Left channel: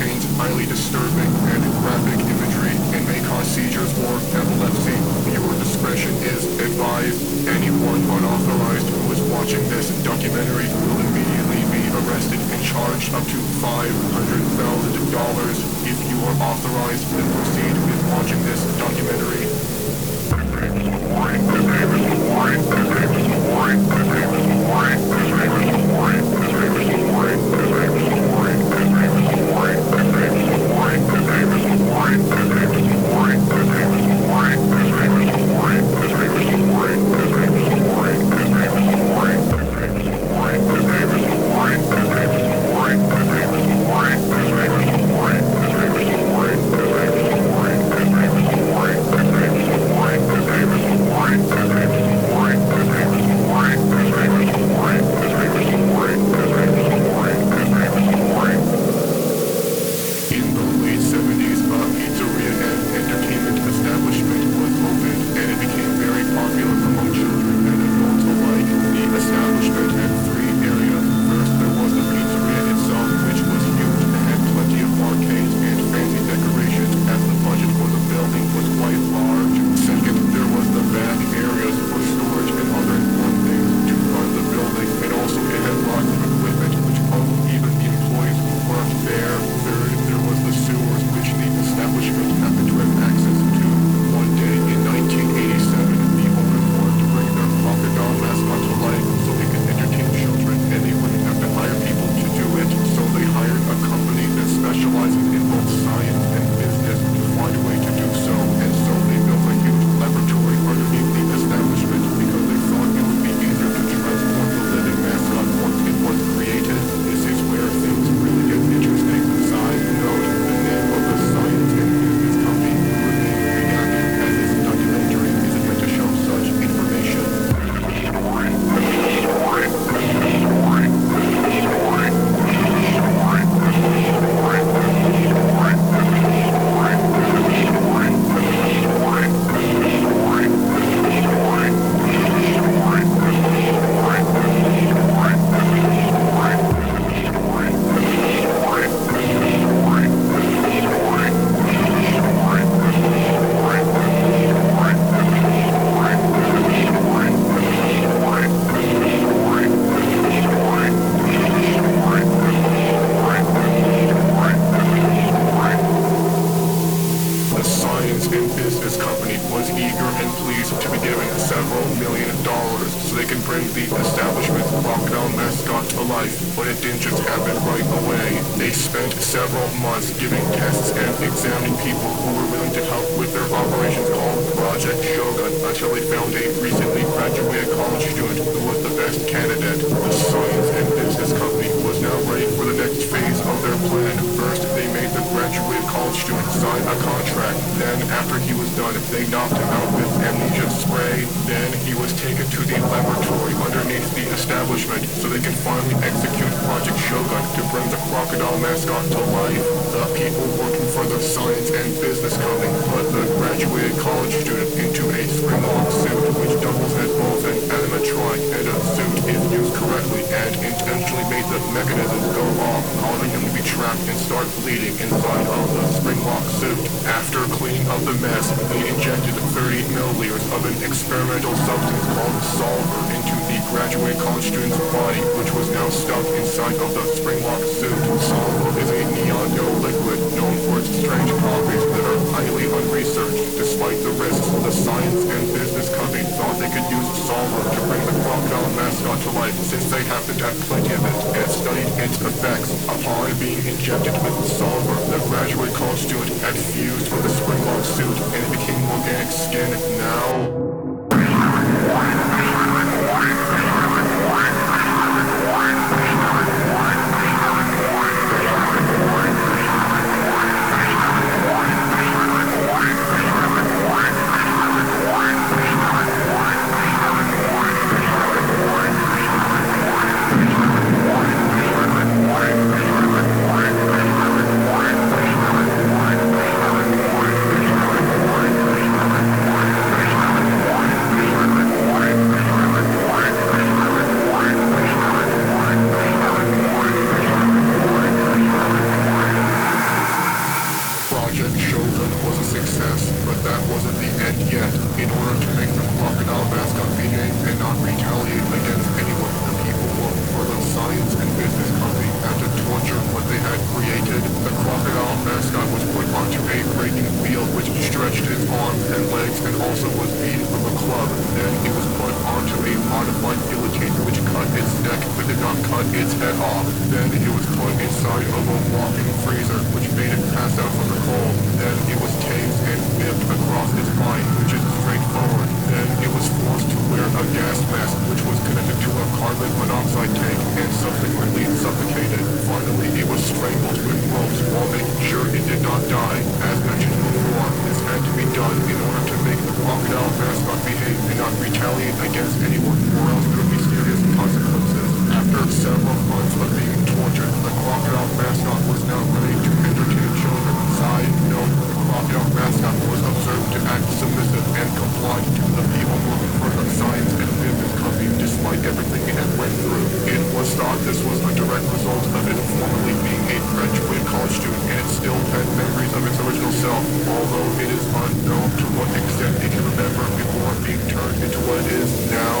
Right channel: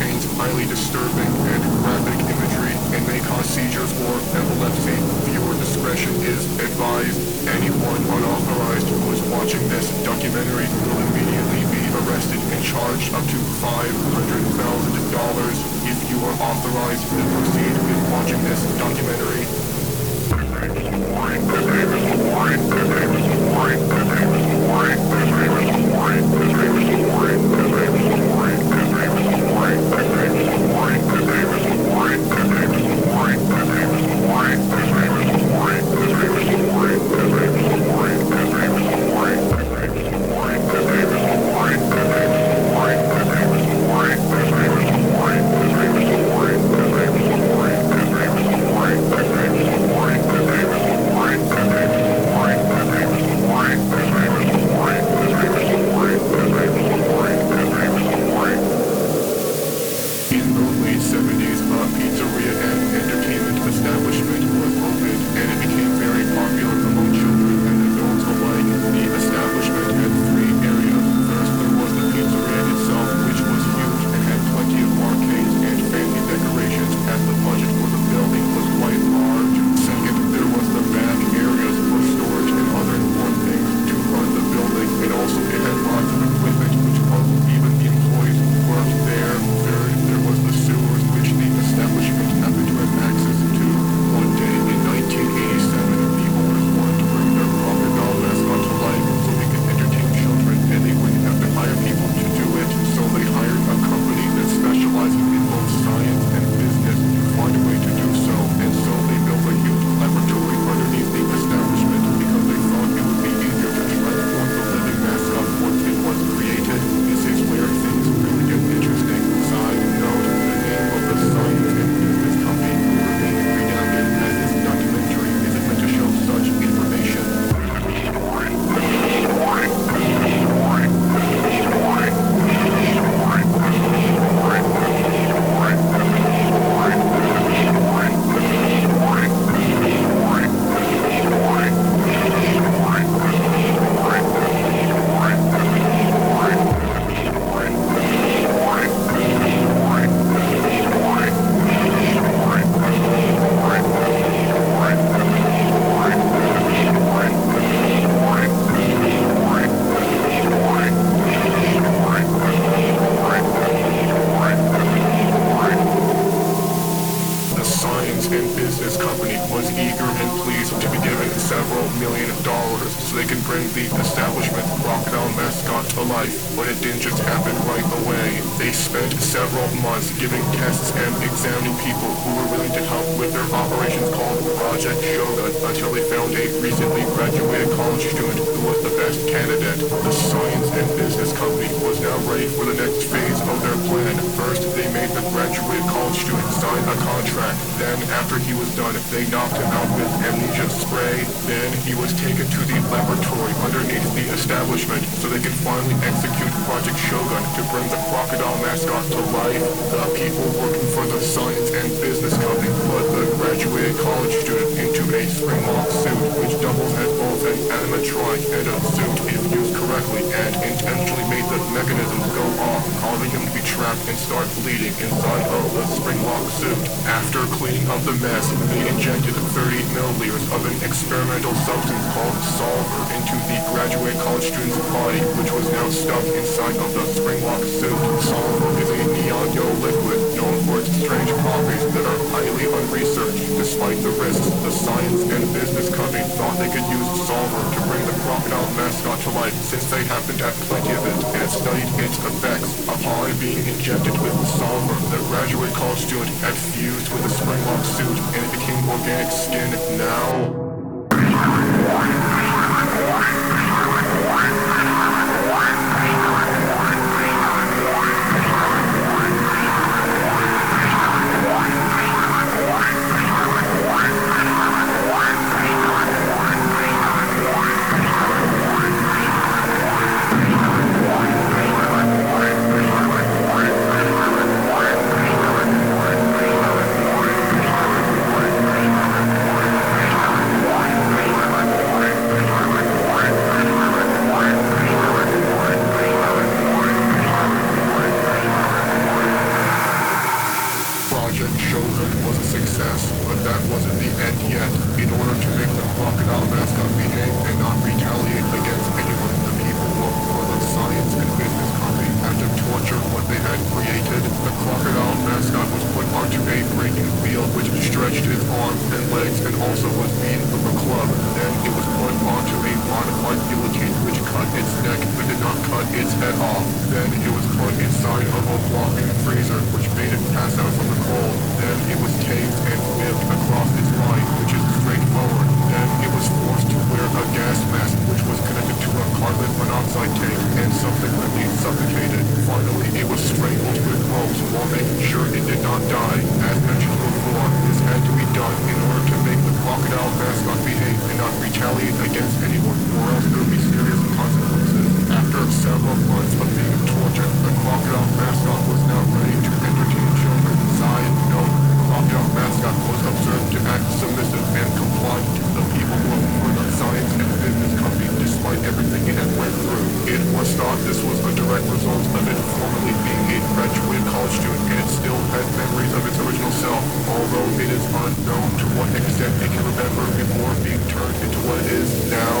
contains highly disturbing and graphic imagery and may cause seizures or epilepsy. Viewer discretion is advised. Anyone unauthorized who is watching this documentary will immediately be arrested and charged up to $500,000. If you are authorized to proceed with watching this documentary. In the late 70s, a pizzeria and entertainment establishment was opened, and it became very popular among children and adults alike. The establishment had three areas. First, there was the pizzeria itself, which was huge and had plenty of arcades and fancy decorations, as the budget for the building was quite large. Second, there was the back areas for storage and other important things to run the building, and also it had lots of equipment, which puzzled even the employees who worked there. Third, there was the sewers, which the establishment happened to have access to. One day in 1987, the owners wanted to bring their crocodile mascot to life so they could entertain children, and they wouldn't have to hire people to do it. So they hired a company that specializes in both science and business to find a way to do so. And so they built a huge laboratory underneath the establishment because they thought it would be easier to transform the living mascot once it was created. This is where things really get interesting. Side note, the name of the science and business company will remain redacted as this documentary isn't meant to show such information. The science and business company was eager and pleased to be given several $1 million so they can bring the establishment's crocodile mascot to life. But it didn't just happen right away. They spent several months giving tests and examining people who were willing to help with their operations called Project Shogun until they found a recently graduated college student who was the best candidate. The science and business company was now ready for the next phase of their plan. First, they made the graduated college student sign a contract. Then, after he was done, they knocked him out with amnesia spray. Then, he was taken to the laboratory underneath the establishment so they can finally execute Project Shogun to bring the crocodile mascot to life. The people working for the science and business company put the graduated college student into a spring-lock suit, which doubles as both an animatronic and a suit if used correctly, and intentionally made the mechanisms go off, causing him to be trapped and start bleeding inside of the spring-lock suit. After cleaning up the mess, they injected 30 milliliters of an experimental substance called solver into the graduate college student's body, which was now stuck inside of the spring-lock suit. Solver is a neon yellow liquid known for its strange properties that are highly unresearched. Despite the risks, the science and business company thought they could use solver to bring the crocodile mascot to life, since they happened to have plenty of it, and studied its effects. Upon being injected with solver, the graduate college student had fused with the spring-lock suit, and it became organic skin. Now also was beaten with a club. Then it was put onto a modified guillotine which cut its neck but did not cut its head off. Then it was put inside of a walking freezer which made it pass out from the cold. Then it was tased and whipped across its spine, which is straightforward. Then it was forced to wear a gas mask which was connected to a carbon monoxide tank and subsequently suffocated. Finally, it was strangled with ropes while making sure it did not die. As mentioned before, this had to be done in order to make the crocodile mascot behave and not retaliate against anyone, or else there would be serious consequences. After several months of being tortured, the crocodile mascot was now ready to entertain children. Side note, the crocodile mascot was observed to act submissive and complied to the people working for the science and business company despite everything it had went through. It was thought this was a direct result of it formerly being a graduated college student, and it still had memories of its original self, although it is unknown to what extent it can remember before being turned into what it is now.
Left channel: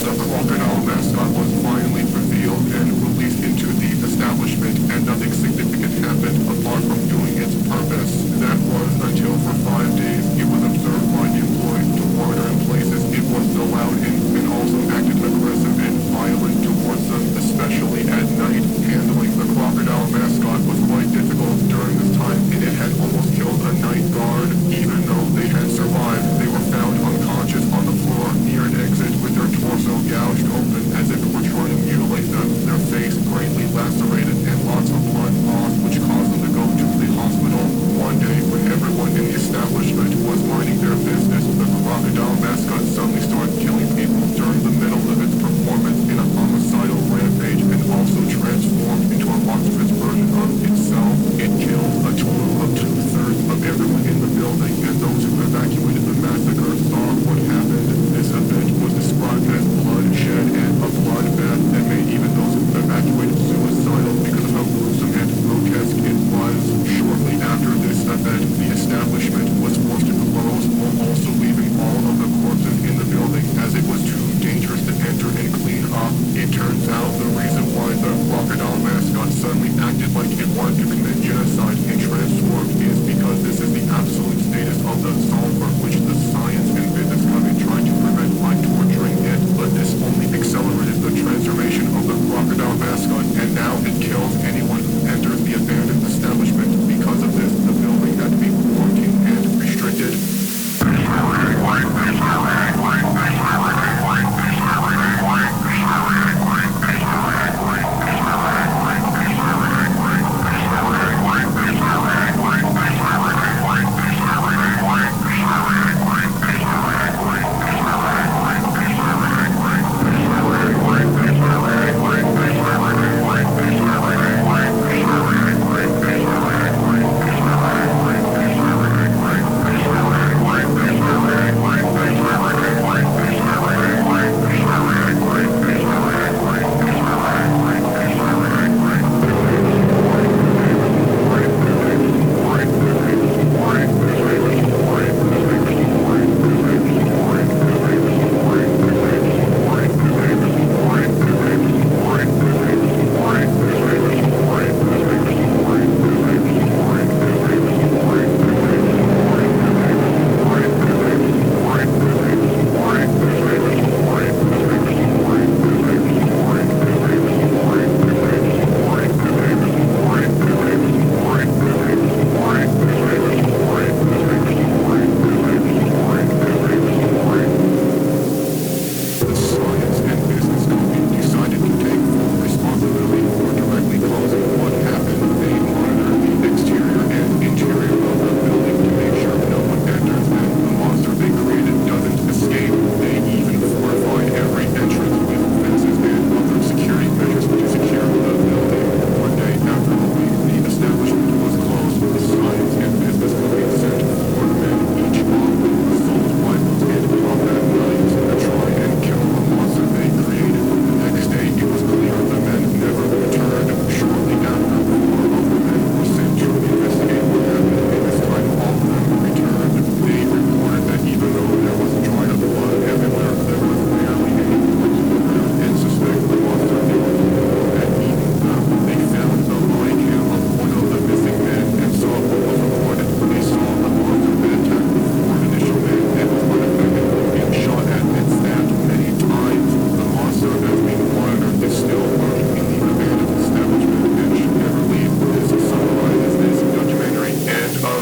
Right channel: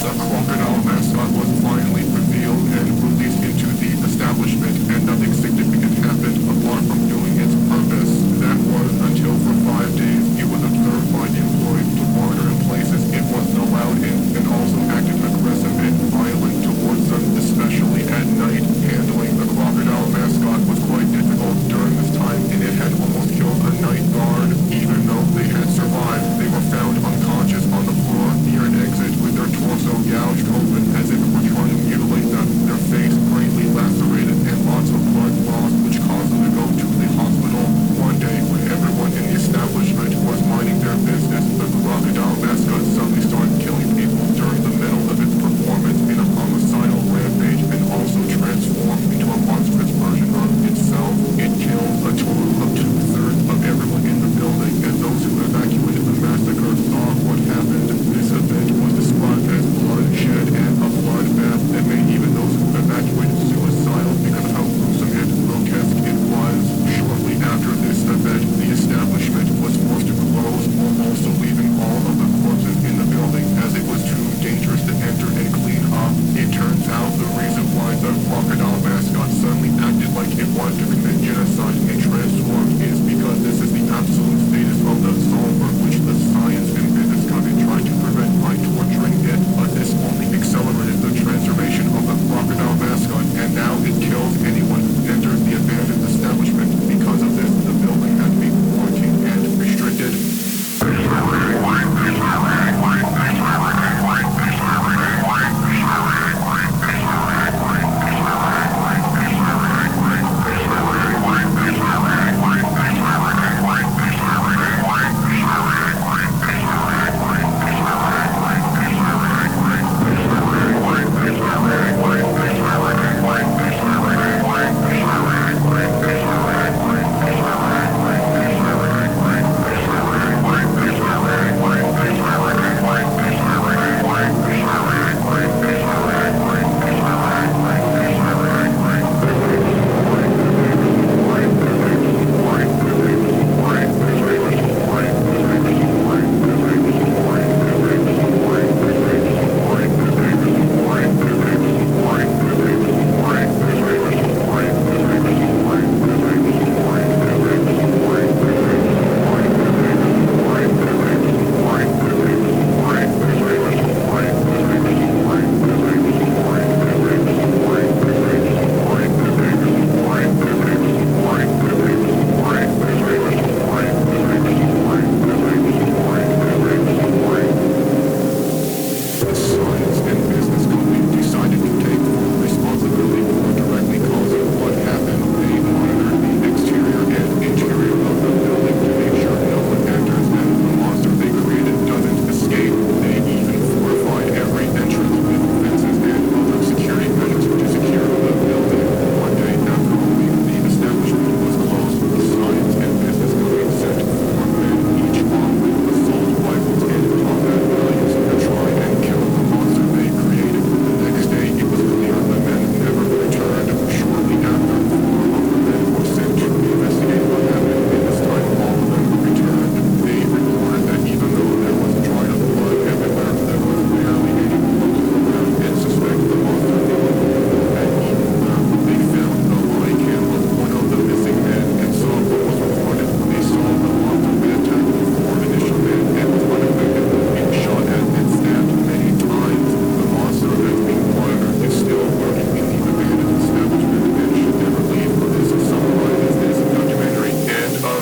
The crocodile mascot was finally revealed and released into the establishment, and nothing significant happened apart from doing its purpose. That was until for 5 days it was observed by the employees to wander in places it wasn't allowed in, and also acted aggressive and violent towards them, especially at night. Handling the crocodile mascot was quite difficult during this time, and it had almost killed a night guard. Even though they had survived, they were found unconscious on the floor near an exit with their torso gouged open as if it were trying to mutilate them, their face greatly lacerated, and lots of blood lost, which caused them to go to the hospital. One day, when everyone in the establishment was minding their business, the crocodile mascot suddenly started killing people during the middle of its performance in a homicidal rampage, and also transformed into a monstrous version of itself. It killed a total of 2/3 of everyone in the building, and those who evacuated the massacre saw what happened. This event was described as bloodshed and a bloodbath that made even those who evacuated suicidal because of how gruesome and grotesque it was. Shortly after this event, the establishment was forced to close while also leaving all of the corpses in the building as it was too dangerous to enter and clean up. It turns out the reason why the crocodile mascot suddenly acted like it wanted to commit genocide and transformed is because this is the absolute status of the sulfur, which the science and business company tried to prevent by torturing it, but this only accelerated the transformation of the crocodile mascot, and now it kills anyone who enters the abandoned establishment. Because of this, the building had to be quarantined and restricted.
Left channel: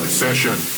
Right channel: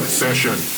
session.